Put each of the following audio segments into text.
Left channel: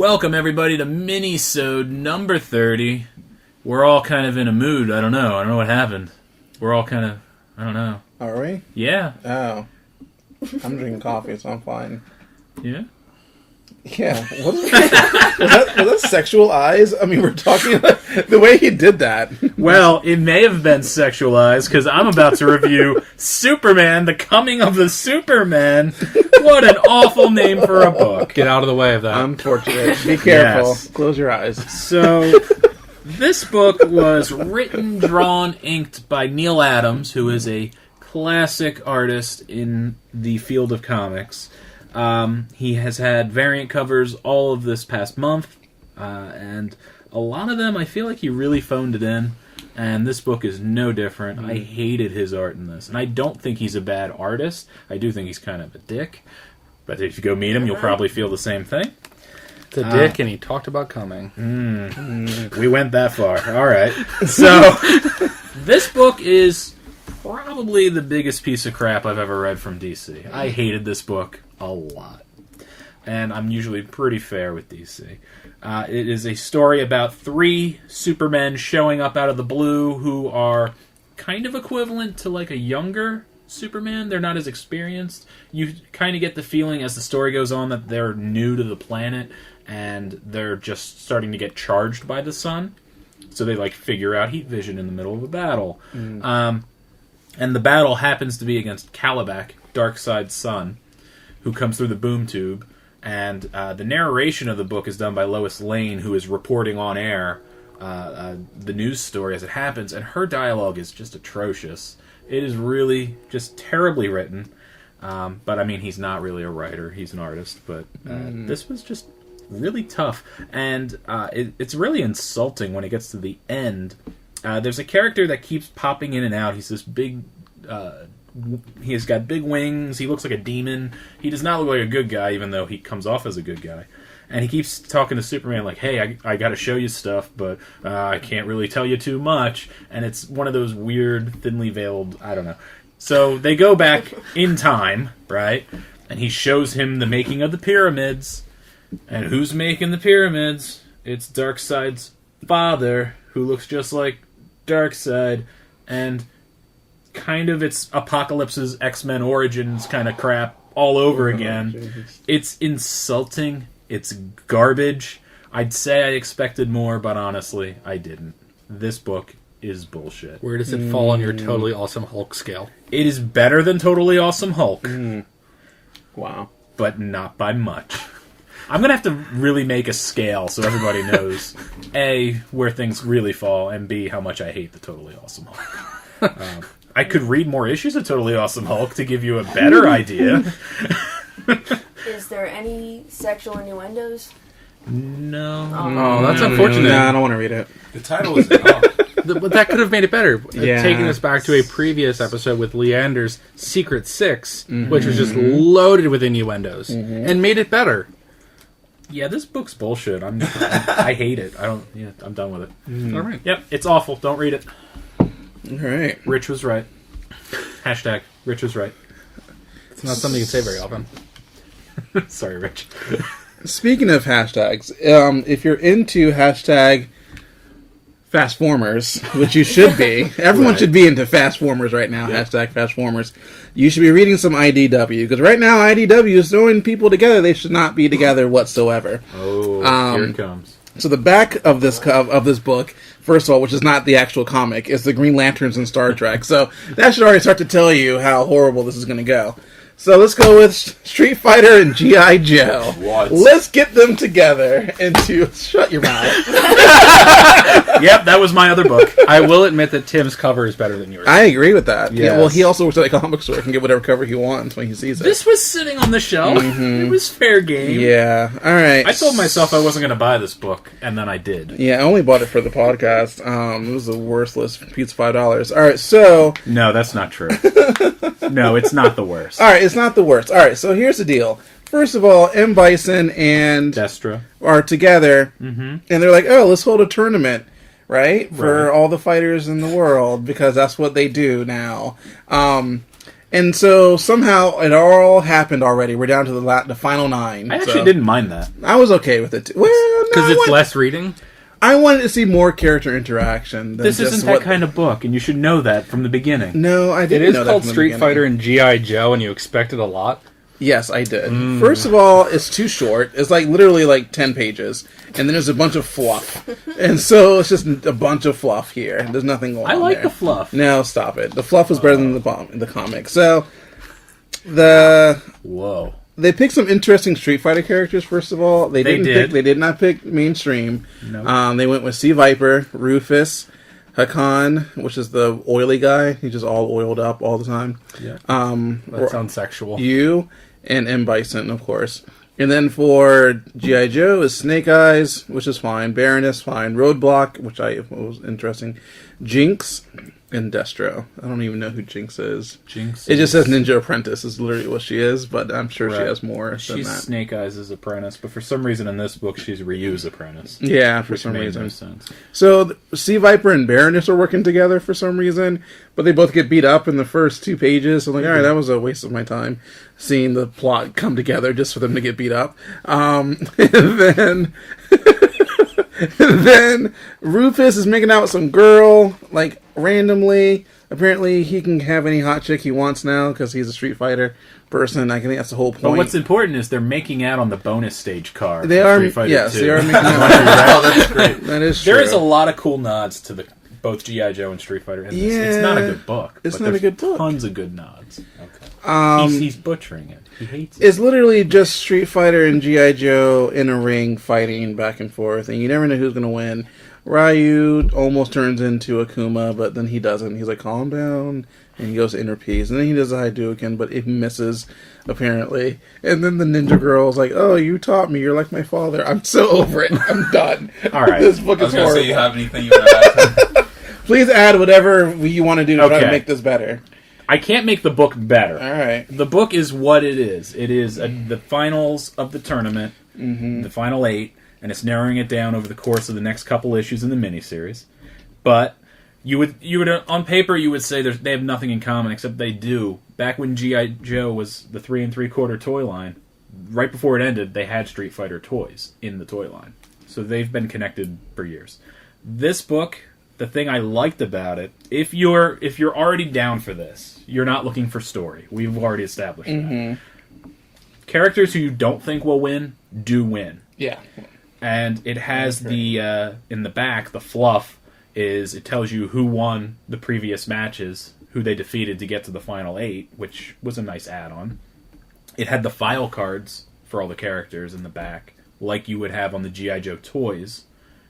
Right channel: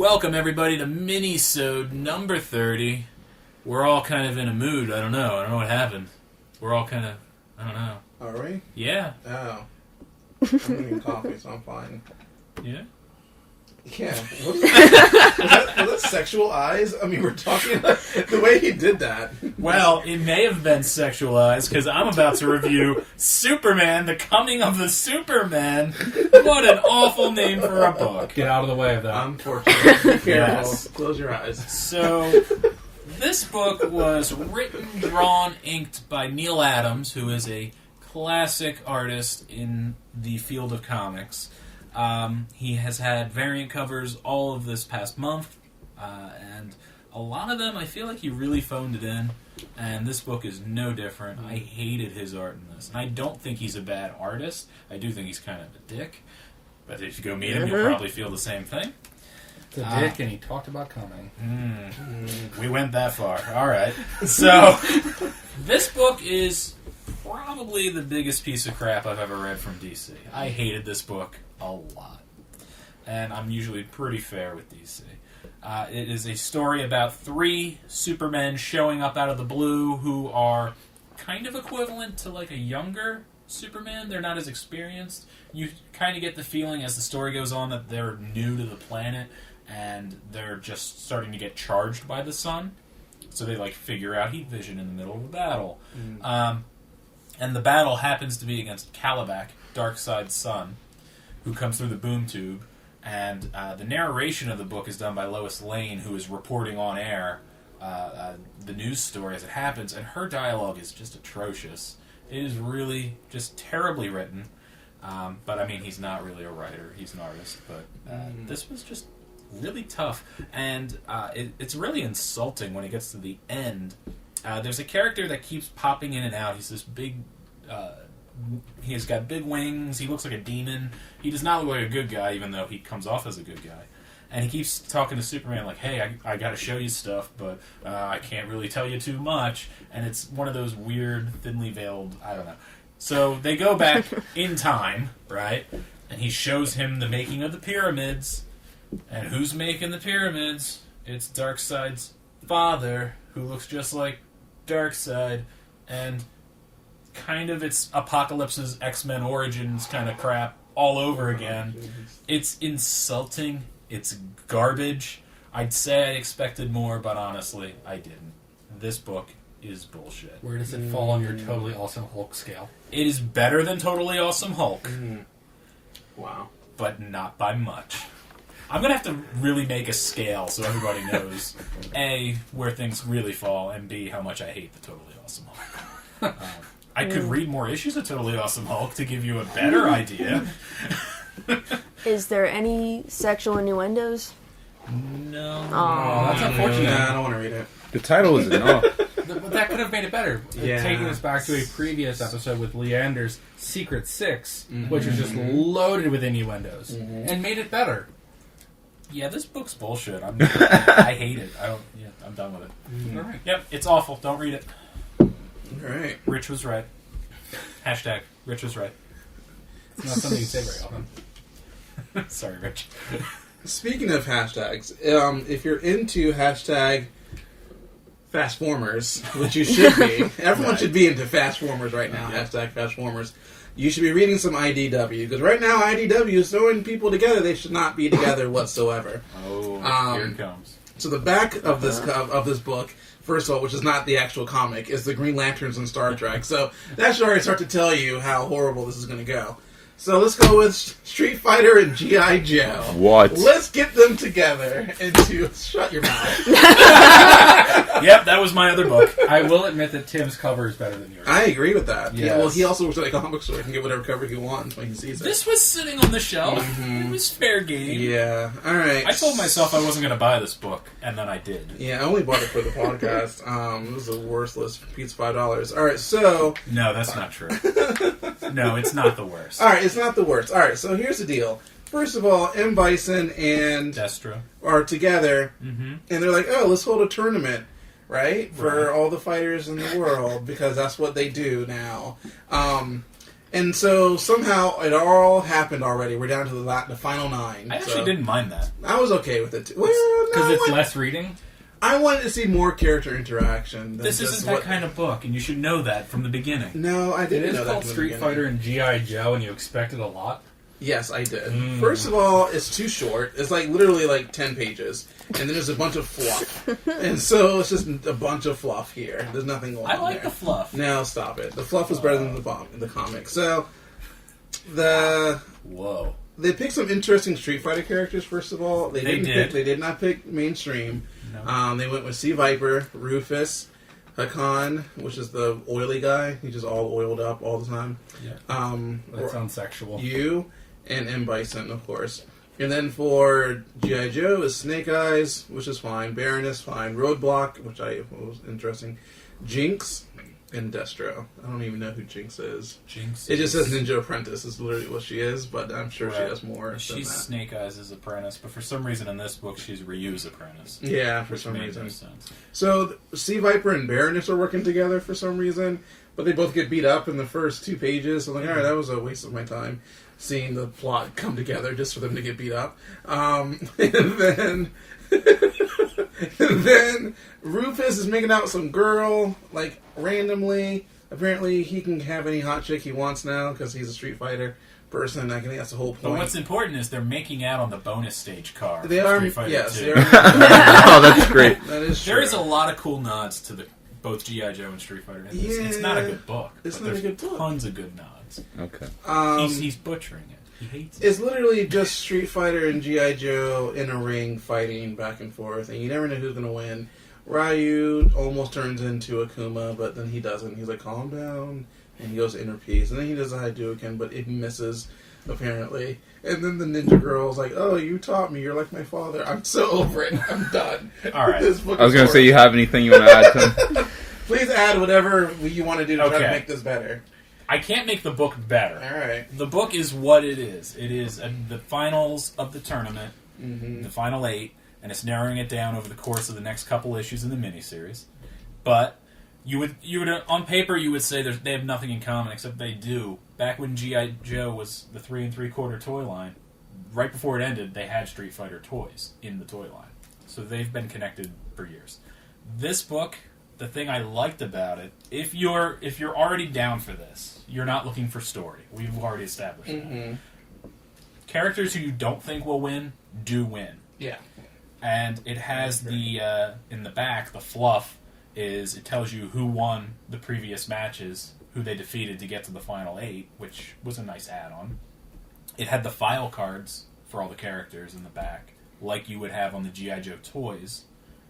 Welcome, everybody, to Minisode number 30. We're all kind of in a mood. I don't know what happened. We're all kind of... I don't know. Are we? Yeah. Oh. I'm drinking coffee, so I'm fine. Yeah? Yeah. What was that sexual eyes? I mean, we're talking... the way he did that. Well, it may have been sexualized, because I'm about to review Superman, The Coming of the Superman. What an awful name for a book. Get out of the way of that. Unfortunately. Be careful. Yes. Close your eyes. So, this book was written, drawn, inked by Neil Adams, who is a classic artist in the field of comics. He has had variant covers all of this past month, and a lot of them I feel like he really phoned it in, and this book is no different. I hated his art in this, and I don't think he's a bad artist. I do think he's kind of a dick, but if you go meet him, you'll probably feel the same thing. It's a dick, and he talked about coming. We went that far. All right. So, this book is probably the biggest piece of crap I've ever read from DC. I hated this book a lot. And I'm usually pretty fair with DC. It is a story about 3 Supermen showing up out of the blue who are kind of equivalent to like a younger Superman. They're not as experienced. You kind of get the feeling as the story goes on that they're new to the planet and they're just starting to get charged by the sun. So they like figure out heat vision in the middle of a battle. And the battle happens to be against Kalibak, Darkseid's son, who comes through the boom tube. And the narration of the book is done by Lois Lane, who is reporting on air the news story as it happens. And her dialogue is just atrocious. It is really just terribly written. But, I mean, he's not really a writer. He's an artist. But this was just really tough. And it's really insulting when it gets to the end. There's a character that keeps popping in and out. He's this big... he has got big wings. He looks like a demon. He does not look like a good guy, even though he comes off as a good guy. And he keeps talking to Superman like, hey, I got to show you stuff, but I can't really tell you too much. And it's one of those weird, thinly veiled, I don't know. So they go back in time, right? And he shows him the making of the pyramids. And who's making the pyramids? It's Darkseid's father, who looks just like Darkseid. And kind of it's Apocalypse's X-Men Origins kind of crap all over again. It's insulting. It's garbage. I'd say I expected more, but honestly, I didn't. This book is bullshit. Where does it fall on your Totally Awesome Hulk scale? It is better than Totally Awesome Hulk. Wow. But not by much. I'm going to have to really make a scale so everybody knows, A, where things really fall, and B, how much I hate the Totally Awesome Hulk. I could read more issues of Totally Awesome Hulk to give you a better idea. Is there any sexual innuendos? No. Oh, that's unfortunate. No, I don't want to read it. The title is but that could have made it better. Yeah. Taking us back to a previous episode with Leander's Secret Six, which was just loaded with innuendos, and made it better. Yeah, this book's bullshit. I hate it. I'm done with it. All right. Yep, it's awful. Don't read it. All right. Rich was right. Hashtag Rich was right. It's not something you can say very often. Sorry, Rich. Speaking of hashtags, if you're into hashtag Fastformers, which you should be, everyone should be into Fastformers right now, hashtag Fastformers, you should be reading some IDW, because right now IDW is throwing people together they should not be together whatsoever. Oh, here it comes. So the back of this book, first of all, which is not the actual comic, is the Green Lanterns and Star Trek. So that should already start to tell you how horrible this is going to go. So let's go with Street Fighter and G.I. Joe. What? Let's get them together into... Shut your mouth. Yep, that was my other book. I will admit that Tim's cover is better than yours. I agree with that. Yes. Yeah, well, he also works at a comic store. He can get whatever cover he wants when he sees it. This was sitting on the shelf. It was fair game. Yeah, all right. I told myself I wasn't going to buy this book, and then I did. Yeah, I only bought it for the podcast. It was a worthless piece of $5. All right, so... No, that's not true. No, it's not the worst. All right, it's not the worst. All right, so here's the deal. First of all, M. Bison and Destro are together, and they're like, oh, let's hold a tournament, right? For all the fighters in the world, because that's what they do now. And so somehow it all happened already. We're down to the final 9. I actually so didn't mind that. I was okay with it too. Well, no, Because it's less reading. I wanted to see more character interaction. Than This just isn't that kind of book, and you should know that from the beginning. No, I It didn't. is know that called from the Street beginning. Fighter and G.I. Joe, and you expected a lot. Yes, I did. First of all, it's too short. It's like literally like 10 pages. And then there's a bunch of fluff. And so it's just a bunch of fluff here. There's nothing going on I like there. the fluff. No, stop it. The fluff was better than the comic. So Whoa. they picked some interesting Street Fighter characters. First of all, they did not pick mainstream. No. They went with Sea Viper, Rufus, Hakan, which is the oily guy. He's just all oiled up all the time. Yeah. That sounds sexual. You and M. Bison, of course. And then for G.I. Joe is Snake Eyes, which is fine. Baroness, fine. Roadblock, which was interesting. Jinx, and Destro. I don't even know who Jinx is. Jinx. It just says Ninja Apprentice is literally what she is, but I'm sure she Right. has more She's than that. Snake Eyes' apprentice, but for some reason in this book she's Ryu's apprentice. Yeah, for Which some made reason. no sense. So Sea Viper and Baroness are working together for some reason, but they both get beat up in the first 2 pages. So I'm like, all right, that was a waste of my time seeing the plot come together just for them to get beat up. And then and then Rufus is making out with some girl, like randomly. Apparently, he can have any hot chick he wants now because he's a Street Fighter person. I think that's the whole point. But what's important is they're making out on the bonus stage car. They from are, Street Fighter yes, 2. they are. Oh, that's great. That is true. There is a lot of cool nods to both G.I. Joe and Street Fighter in this. It's not a Yeah, good book, it's but not a there's good book. tons of good nods. Okay. He's butchering it. He hates it. It's literally just Street Fighter and G.I. Joe in a ring fighting back and forth, and you never know who's going to win. Ryu almost turns into Akuma, but then he doesn't. He's like, calm down, and he goes to inner peace. And then he does a Hadouken, but it misses, apparently. And then the ninja girl's like, oh, you taught me. You're like my father. I'm so over it. I'm done. All right. This book I was is going to say, you horrible. have anything you want to add to Please add whatever you want to do to try to Okay. make this better. I can't make the book better. All right. The book is what it is. It is the finals of the tournament, the final 8, and it's narrowing it down over the course of the next couple issues in the miniseries. But you would on paper you would say they have nothing in common, except they do. Back when G.I. Joe was the 3 3/4 toy line, right before it ended, they had Street Fighter toys in the toy line, so they've been connected for years. This book, the thing I liked about it, if you're already down for this, you're not looking for story. We've already established that. Characters who you don't think will win do win, Yeah. and it has the in the back the fluff is it tells you who won the previous matches, who they defeated to get to the final 8, which was a nice add-on. It had the file cards for all the characters in the back, like you would have on the G.I. Joe toys.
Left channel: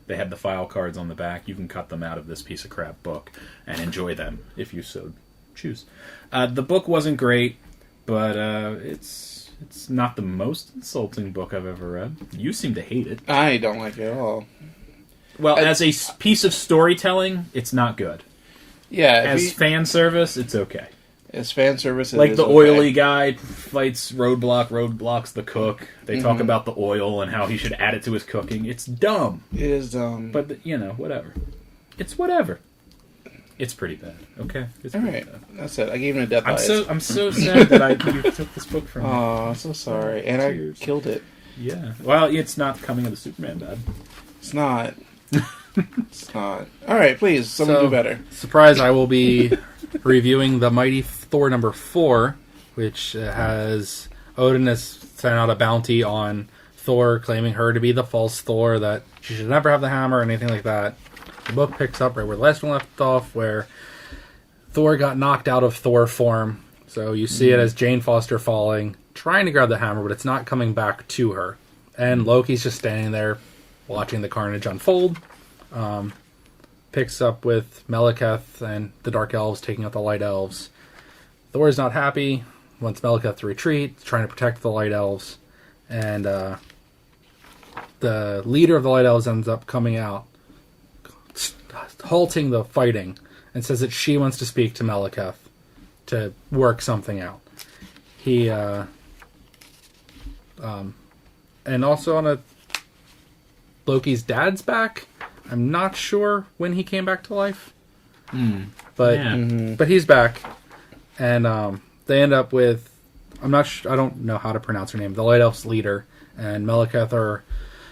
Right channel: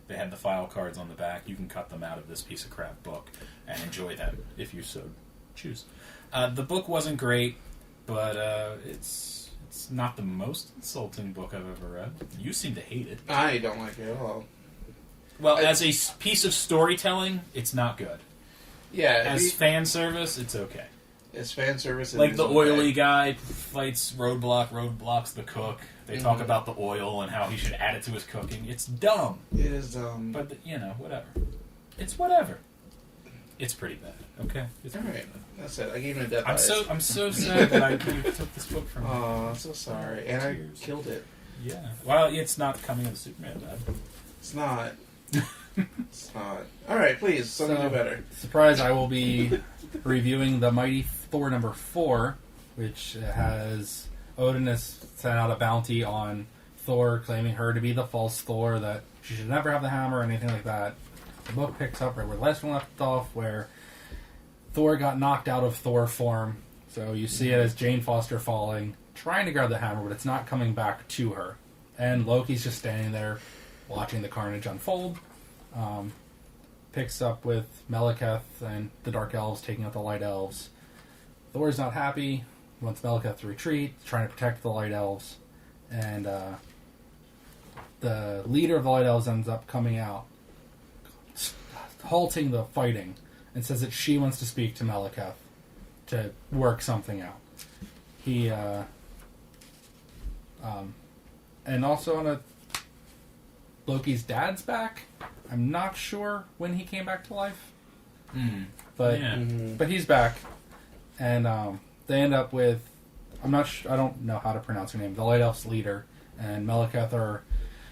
They had the file cards on the back. You can cut them out of this piece of crap book and enjoy them if you so choose. The book wasn't great, but it's not the most insulting book I've ever read. You seem to hate it. I don't like it at all. Well, as a piece of storytelling, it's not good. Yeah. As fan service, it's okay. as fan service, it Like is the okay. oily guy fights Roadblock's the cook. They talk about the oil and how he should add it to his cooking. It's dumb, It is but whatever. It's whatever. It's pretty bad. Okay, it's all pretty right. bad. That's it. I gave him a death. I'm so sad that you took this book from me. Oh, I'm so sorry. And I Tears. killed it. Yeah. Well, it's not coming of the Superman died. It's not. It's not. All right, please. Someone So- do better. Surprise, I will be reviewing the Mighty Thor number 4, which has Odin has sent out a bounty on Thor, claiming her to be the false Thor, that she should never have the hammer or anything like that. The book picks up right where the last one left off, where Thor got knocked out of Thor form. So you see it as Jane Foster falling, trying to grab the hammer, but it's not coming back to her. And Loki's just standing there watching the carnage unfold. Picks up with Meleketh and the Dark Elves taking out the Light Elves. Thor is not happy, wants Meleketh to retreat, trying to protect the Light Elves. And the leader of the Light Elves ends up coming out, halting the fighting, and says that she wants to speak to Meleketh to work something out. He, and also on Loki's dad's back. I'm not sure when he came back to life, but Yeah. but he's back, and they end up with, I don't know how to pronounce her name, the Light Elf's leader, and Malekith are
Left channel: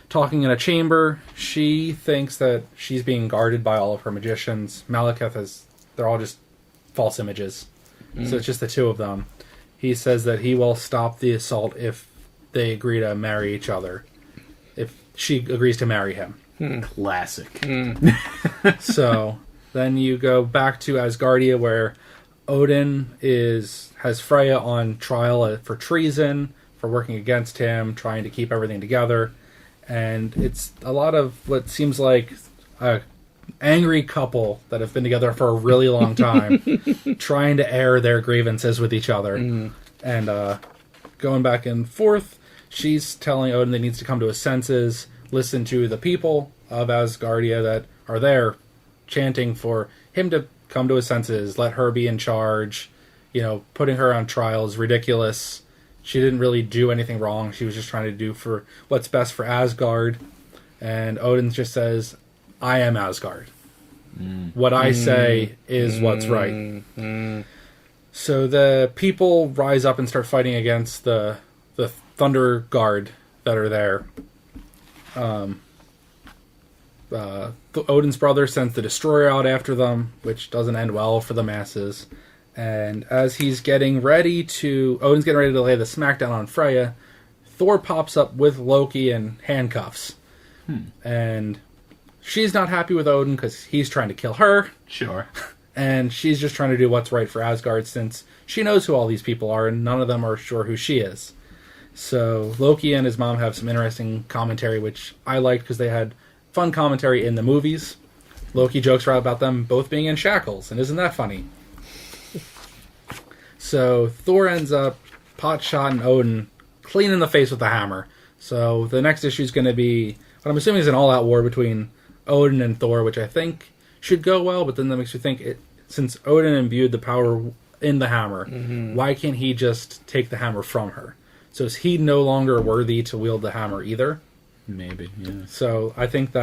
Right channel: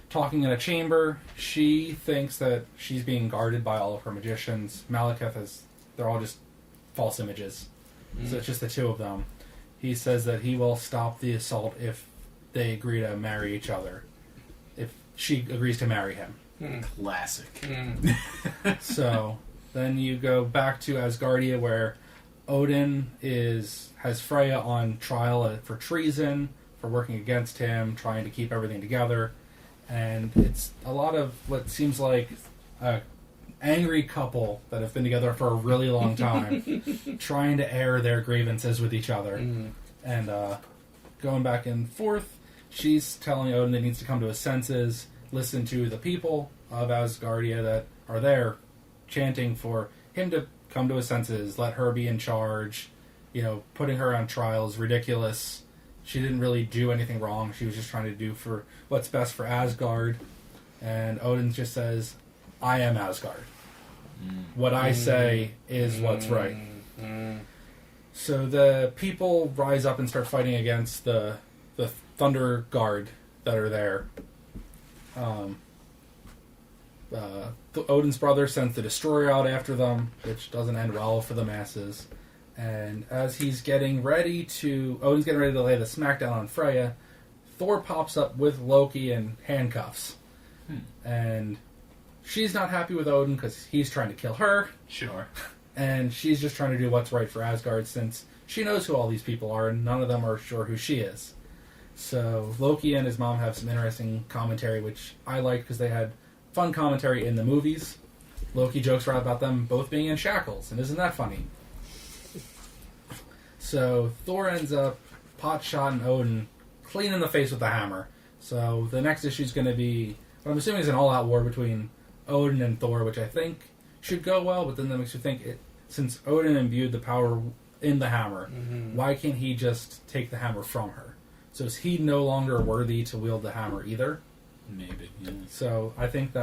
talking in a chamber. She thinks that she's being guarded by all of her magicians. Malekith they're all just false images. So it's just the two of them. He says that he will stop the assault if they agree to marry each other. If she agrees to marry him. Classic. So then you go back to Asgardia, where Odin has Freya on trial for treason, for working against him, trying to keep everything together. And it's a lot of what seems like a angry couple that have been together for a really long time, trying to air their grievances with each other. And going back and forth, she's telling Odin that he needs to come to his senses, listen to the people of Asgardia that are there, chanting for him to come to his senses, let her be in charge. Putting her on trial is ridiculous. She didn't really do anything wrong. She was just trying to do for what's best for Asgard. And Odin just says, I am Asgard. What I say is what's right. So the people rise up and start fighting against the Thunder Guard that are there. Odin's brother sends the Destroyer out after them, which doesn't end well for the masses. And as Odin's getting ready to lay the smackdown on Freya, Thor pops up with Loki in handcuffs. And she's not happy with Odin because he's trying to kill her. Sure. And she's just trying to do what's right for Asgard, since she knows who all these people are and none of them are sure who she is. So Loki and his mom have some interesting commentary, which I liked because they had fun commentary in the movies. Loki jokes around about them both being in shackles, and isn't that funny? So Thor ends up pot-shotting Odin clean in the face with the hammer. So the next issue is going to be what I'm assuming is an all-out war between Odin and Thor, which I think should go well, but then that makes you think, since Odin imbued the power in the hammer, why can't he just take the hammer from her? So is he no longer worthy to wield the hammer either? Maybe, yeah. So I think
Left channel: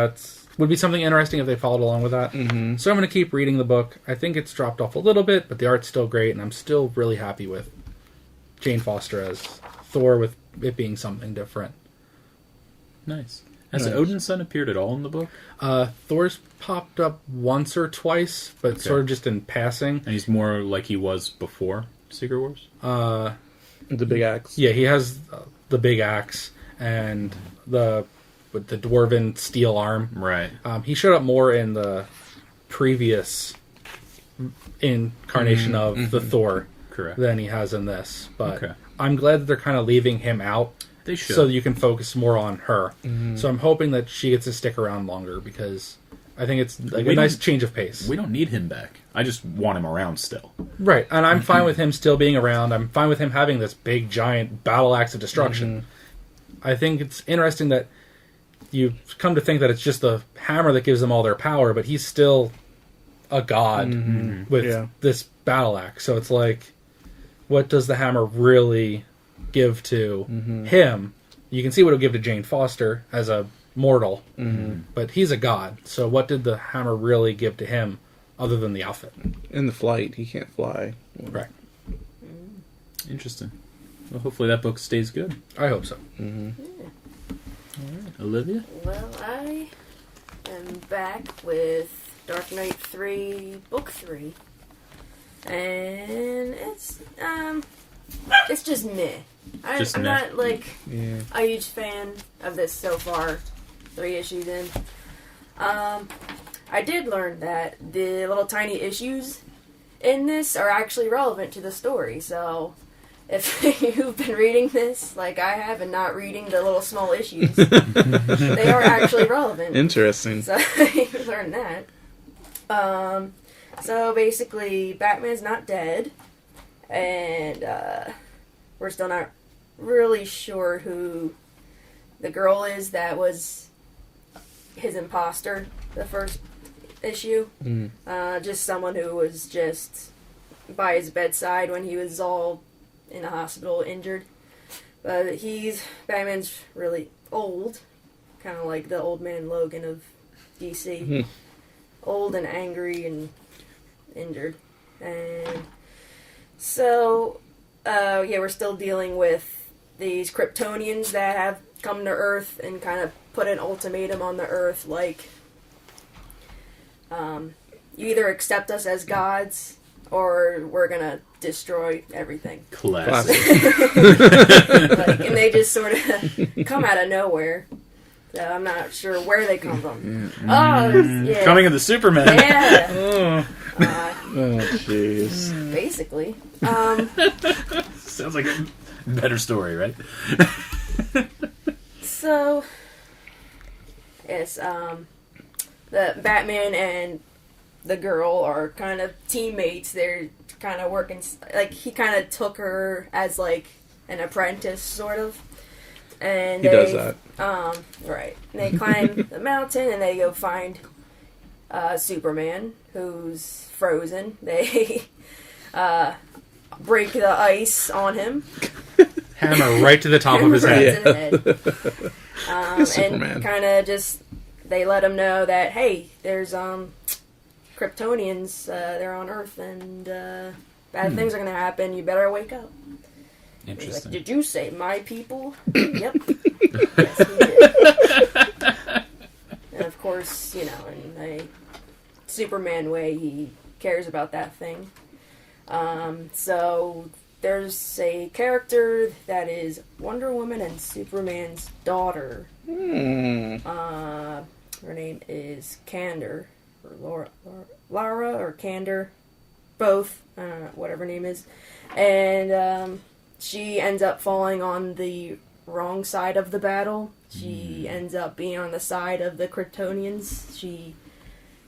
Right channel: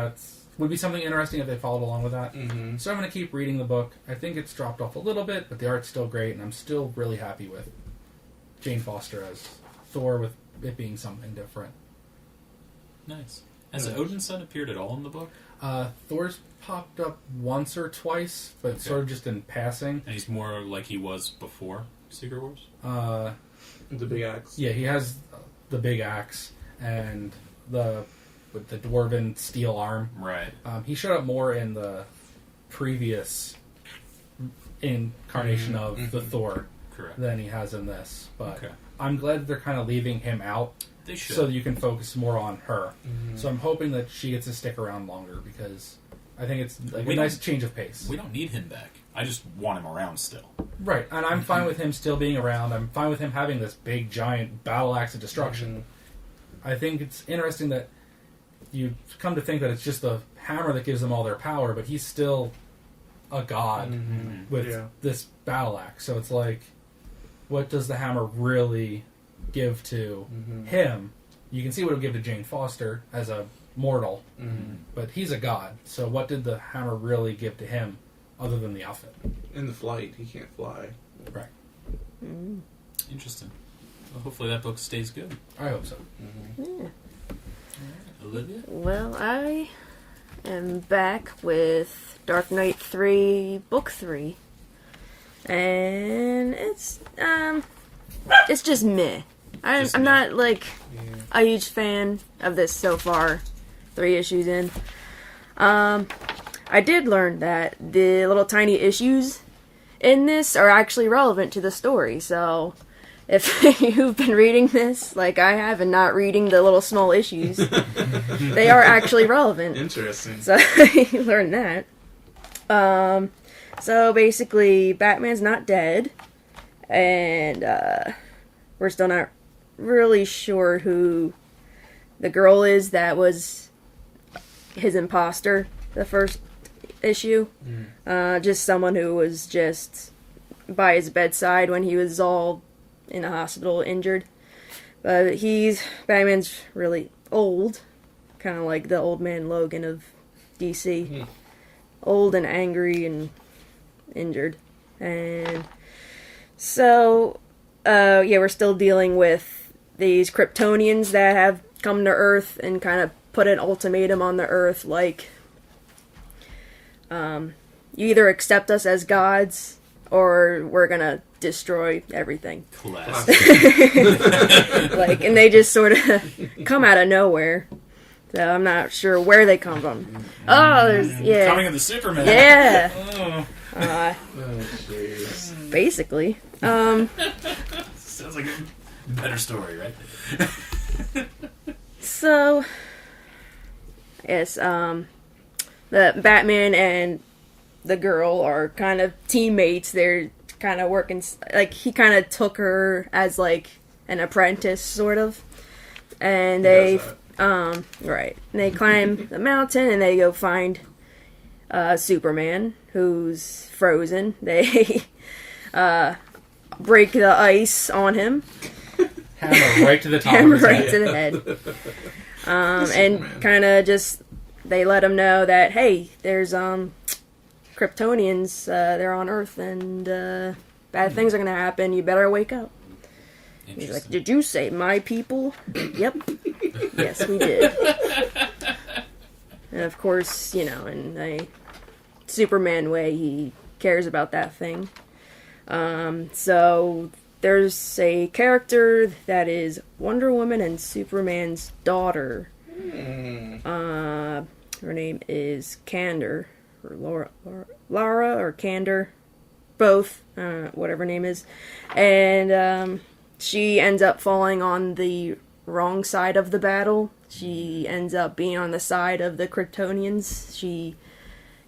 would be something interesting if they followed along with that. So I'm going to keep reading the book. I think it's dropped off a little bit, but the art's still great, and I'm still really happy with Jane Foster as Thor, with it being something different. Nice. Has Odin's son appeared at all in the book? Thor's popped up once or twice, but sort of just in passing. And he's more like he was before Secret Wars? The big axe. Yeah, he has the big axe and with the dwarven steel arm. Right. He showed up more in the previous incarnation of the Thor Correct. than he has in this. But Okay. I'm glad that they're kind of leaving him out. They should. So that you can focus more on her. So I'm hoping that she gets to stick around longer, because I think it's like a nice change of pace. We don't need him back. I just want him around still. Right, and I'm fine with him still being around. I'm fine with him having this big, giant battle axe of destruction. I think it's interesting that you come to think that it's just the hammer that gives them all their power, but he's still a god with this battle axe. So it's like, what does the hammer really give to him? You can see what it'll give to Jane Foster as a mortal, but he's a god. So what did the hammer really give to him other than the outfit? In the flight, he can't fly. Right. Interesting. Well, hopefully that book stays good. I hope so. Olivia? Well, I am back with Dark Knight 3, Book 3. And it's just meh. I'm meh. not, like, a huge fan of this so far, 3 issues in. I did learn that the little tiny issues in this are actually relevant to the story, so if you've been reading this, like I have, and not reading the little small issues, they are actually relevant. Interesting. So you learn that. So basically, Batman's not dead, and we're still not really sure who the girl is that was his imposter the first issue. Just someone who was just by his bedside when he was all in the hospital injured. But Batman's really old, kind of like the old man Logan of DC. Old and angry and injured. And so yeah, we're still dealing with these Kryptonians that have come to Earth and kind of put an ultimatum on the Earth, like, you either accept us as gods, or we're gonna destroy everything. Classic. Like, and they just sort of come out of nowhere. So I'm not sure where they come from. Oh, yeah. Coming of the Superman. Yeah. Oh, Oh, jeez. Basically. sounds like a better story, right? So, yes, the Batman and the girl are kind of teammates. They're kind of working, like, he kind of took her as, like, an apprentice, sort of. And He they, does right. And they climb the mountain and they go find Superman, who's frozen. They break the ice on him. Hammer right to the top of Hammer his right head. to the head. Superman. And kind of just, they let him know that, hey, there's Kryptonians, they're on Earth, and bad things are going to happen. You better wake up. He's like, Interesting. did you say my people? Yep. Yes, we did. And of course, you know, in a Superman way, he cares about that thing. So there's a character that is Wonder Woman and Superman's daughter. Her name is Candor, or Lara or Candor, both, whatever her name is. And she ends up falling on the wrong side of the battle. She ends up being on the side of the Kryptonians. She,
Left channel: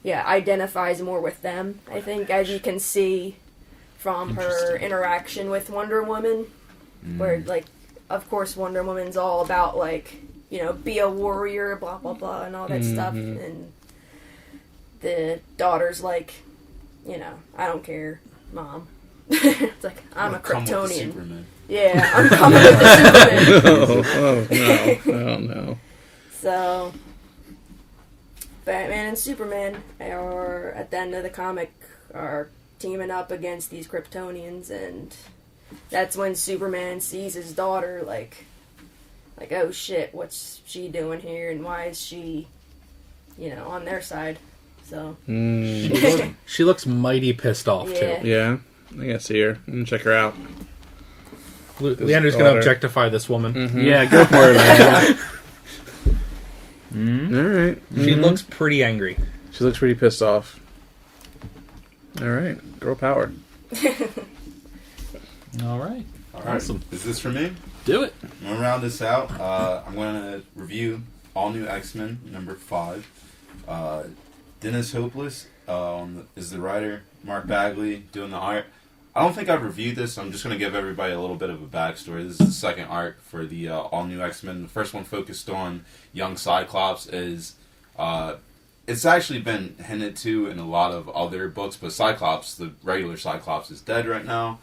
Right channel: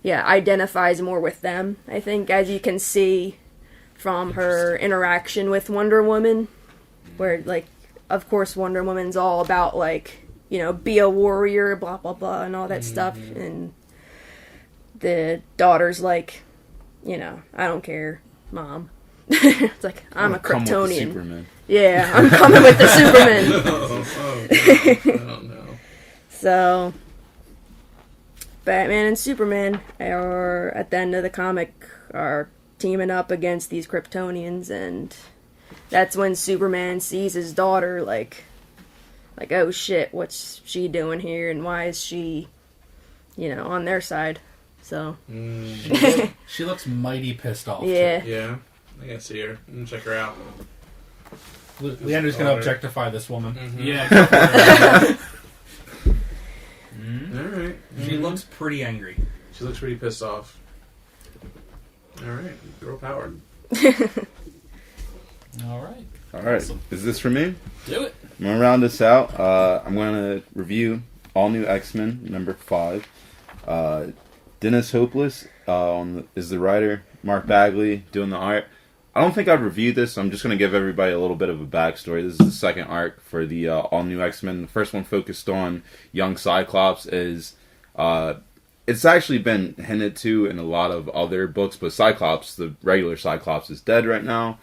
identifies more with them, I think, as you can see from her interaction with Wonder Woman, where, like, of course Wonder Woman's all about, like, you know, be a warrior, blah, blah, blah, and all that stuff, and the daughter's like, you know, I don't care, Mom. It's like, I'm a Come with the Kryptonian. Superman. Yeah, I'm coming with the Superman. Oh, no. So, Batman and Superman are, at the end of the comic, are teaming up against these Kryptonians, and that's when Superman sees his daughter, like, oh shit, what's she doing here, and why is she, you know, on their side? So, She looks mighty pissed off, yeah. too. Yeah, I can see her. I'm gonna check her out. Leander's going to objectify this woman. Yeah, go for it. All right. She looks pretty angry. She looks pretty pissed off. All right, girl power. All right. All right, Awesome. is this for me? Do it. I'm gonna round this out. I'm gonna review All New X-Men #5. Dennis Hopeless is the writer. Mark Bagley doing the art. I don't think I've reviewed this, so I'm just going to give everybody a little bit of a backstory. This is the second arc for the All New X-Men. The first one focused on young Cyclops. It's actually been hinted to in a lot of other books, but Cyclops, the regular Cyclops, is dead right now.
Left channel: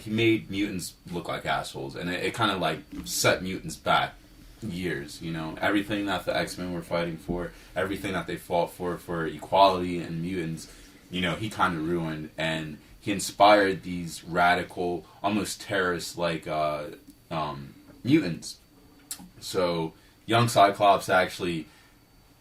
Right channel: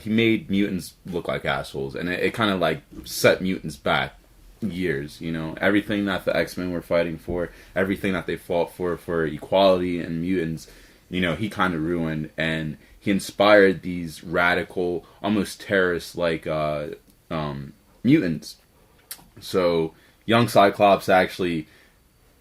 He made mutants look like assholes, and it kind of like set mutants back years. You know, everything that the X-Men were fighting for, everything that they fought for equality and mutants, you know, he kind of ruined, and he inspired these radical, almost terrorist-like mutants. So young Cyclops actually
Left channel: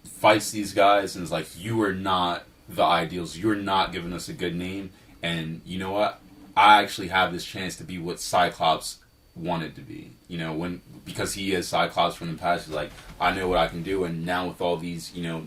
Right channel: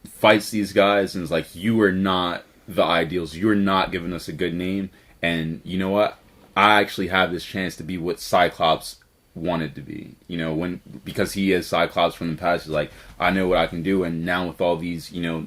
fights these guys and is like, you are not the ideals. You're not giving us a good name. And you know what? I actually have this chance to be what Cyclops wanted to be. You know, because he is Cyclops from the past, he's like, I know what I can do. And now with all these, you know,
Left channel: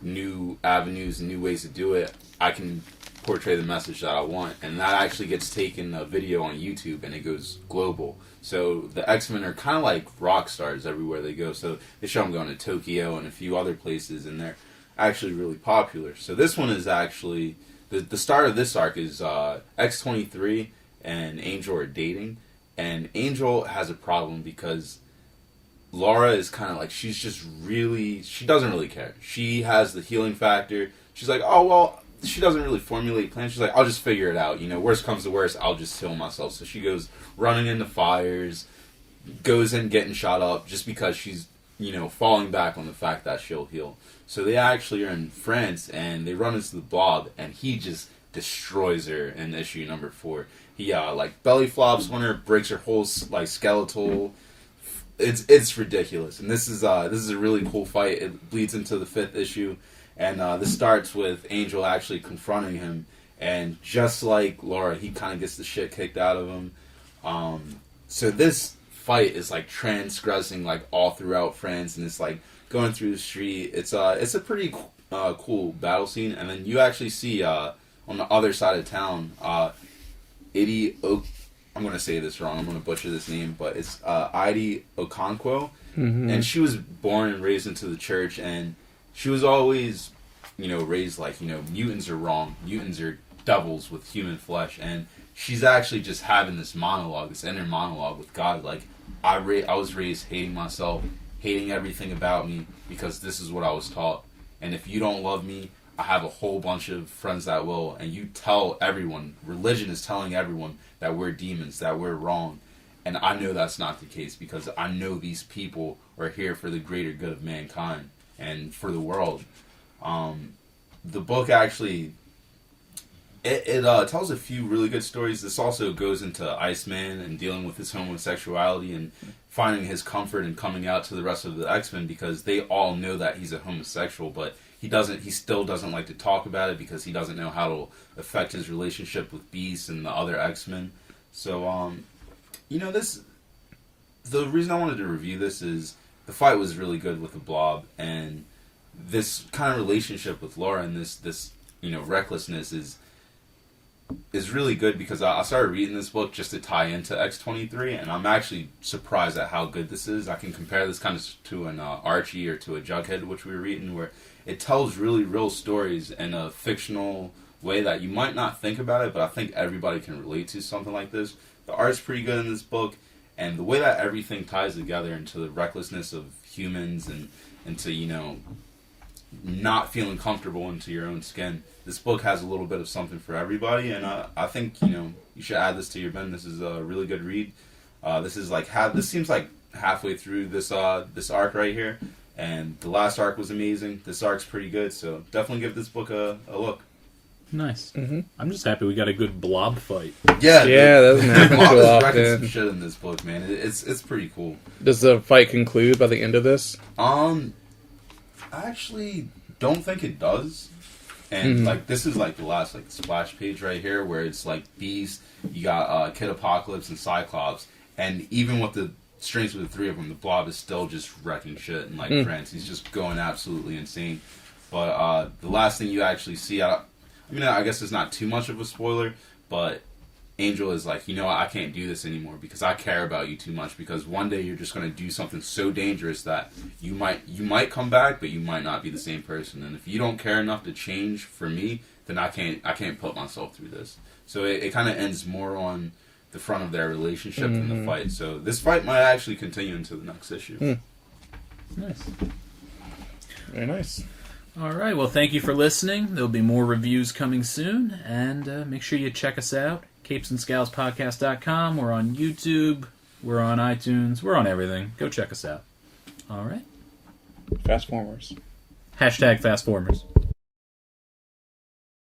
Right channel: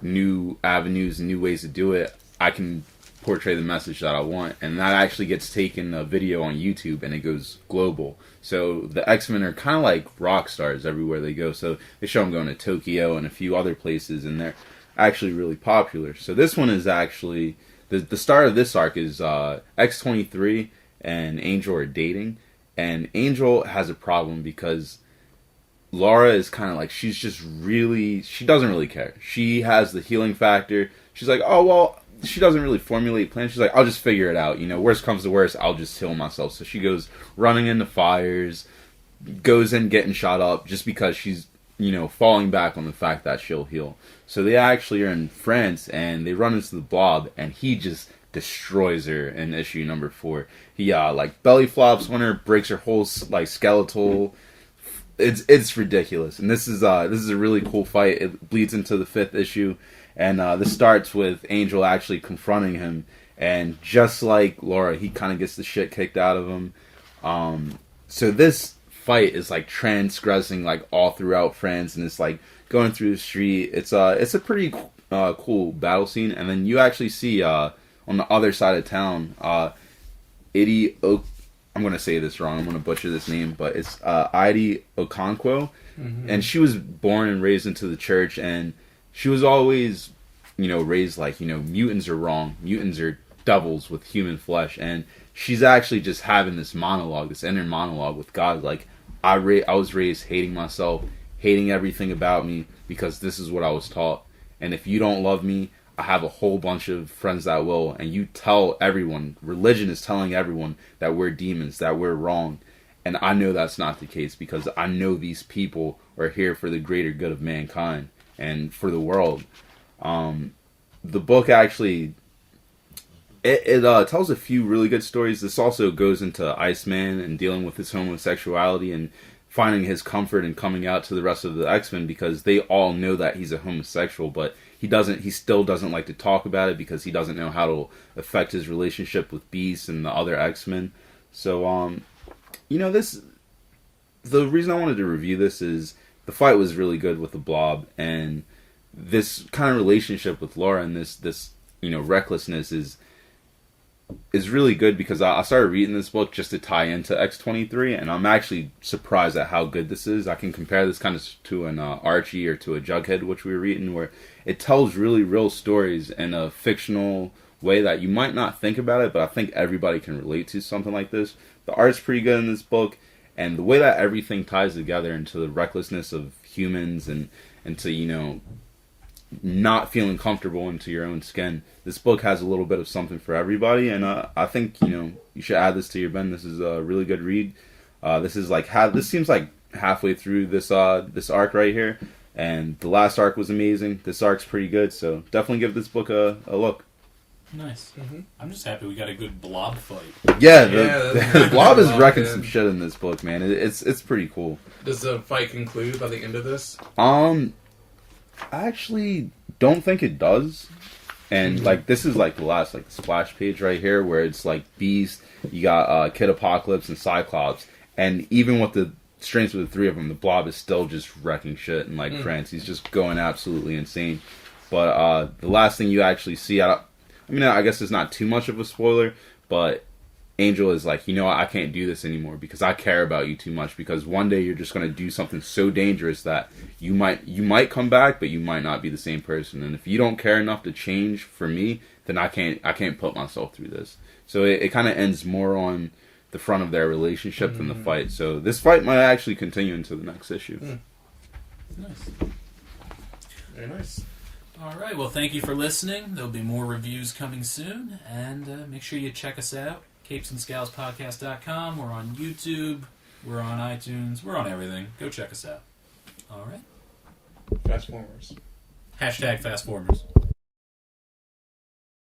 new avenues and new ways to do it, I can portray the message that I want, and that actually gets taken a video on YouTube and it goes global. So the X-Men are kind of like rock stars everywhere they go. So they show them going to Tokyo and a few other places, and they're actually really popular. So this one is actually the start of this arc is X-23 and Angel are dating, and Angel has a problem because Laura is kind of like, she doesn't really care. She has the healing factor. She's like, oh well. She doesn't really formulate plans. She's like, I'll just figure it out. You know, worst comes to worst, I'll just heal myself. So she goes running into fires, goes in getting shot up just because she's, you know, falling back on the fact that she'll heal. So they actually are in France and they run into the Blob, and he just destroys her in issue number 4. He like belly flops on her, breaks her whole like skeletal. It's ridiculous, and this is a really cool fight. It bleeds into the 5th issue, and this starts with Angel actually confronting him, and just like Laura, he kind of gets the shit kicked out of him. So this fight is like transgressing like all throughout France, and it's like going through the street. It's a pretty cool battle scene, and then you actually see on the other side of town, I'm going to say this wrong. I'm going to butcher this name, but it's Ide Okonkwo. Mm-hmm. And she was born and raised into the church, and she was always, raised like, mutants are wrong. Mutants are devils with human flesh. And she's actually just having this monologue, this inner monologue with God. Like, I was raised hating myself, hating everything about me, because this is what I was taught. And if you don't love me, I have a whole bunch of friends that will, and you tell everyone, religion is telling everyone that we're demons, that we're wrong. And I know that's not the case, because I know these people are here for the greater good of mankind and for the world. The book actually, it tells a few really good stories. This also goes into Iceman and dealing with his homosexuality and finding his comfort in coming out to the rest of the X-Men, because they all know that he's a homosexual, but he still doesn't like to talk about it because he doesn't know how to affect his relationship with Beast and the other X-Men. So, the reason I wanted to review this is the fight was really good with the Blob, and this kind of relationship with Laura and this recklessness is really good, because I started reading this book just to tie into X-23, and I'm actually surprised at how good this is. I can compare this kind of to an Archie or to a Jughead, which we were reading, where it tells really real stories in a fictional way that you might not think about it, but I think everybody can relate to something like this. The art's pretty good in this book, and the way that everything ties together into the recklessness of humans and to, not feeling comfortable into your own skin. This book has a little bit of something for everybody, and I think, you should add this to your bin. This is a really good read. This seems like halfway through this arc right here. And the last arc was amazing. This arc's pretty good, so definitely give this book a look. Nice. Mm-hmm. I'm just happy we got a good Blob fight. Yeah, the Blob is wrecking some shit in this book, man. It's pretty cool. Does the fight conclude by the end of this? I actually don't think it does. And this is like the last the splash page right here, where it's like Beast, you got Kid Apocalypse and Cyclops, and even with the strengths with the 3 of them, the Blob is still just wrecking shit in France. He's just going absolutely insane. But the last thing you actually see, I guess it's not too much of a spoiler, but Angel is like, I can't do this anymore because I care about you too much, because one day you're just going to do something so dangerous that you might come back, but you might not be the same person. And if you don't care enough to change for me, then I can't put myself through this. So it kind of ends more on the front of their relationship than the fight. So this fight might actually continue into the next issue. Nice. Very nice. All right. Well, thank you for listening. There'll be more reviews coming soon, and make sure you check us out. CapesandScowlspodcast.com. We're on YouTube. We're on iTunes. We're on everything. Go check us out. All right. Fast formers. #FastFormers.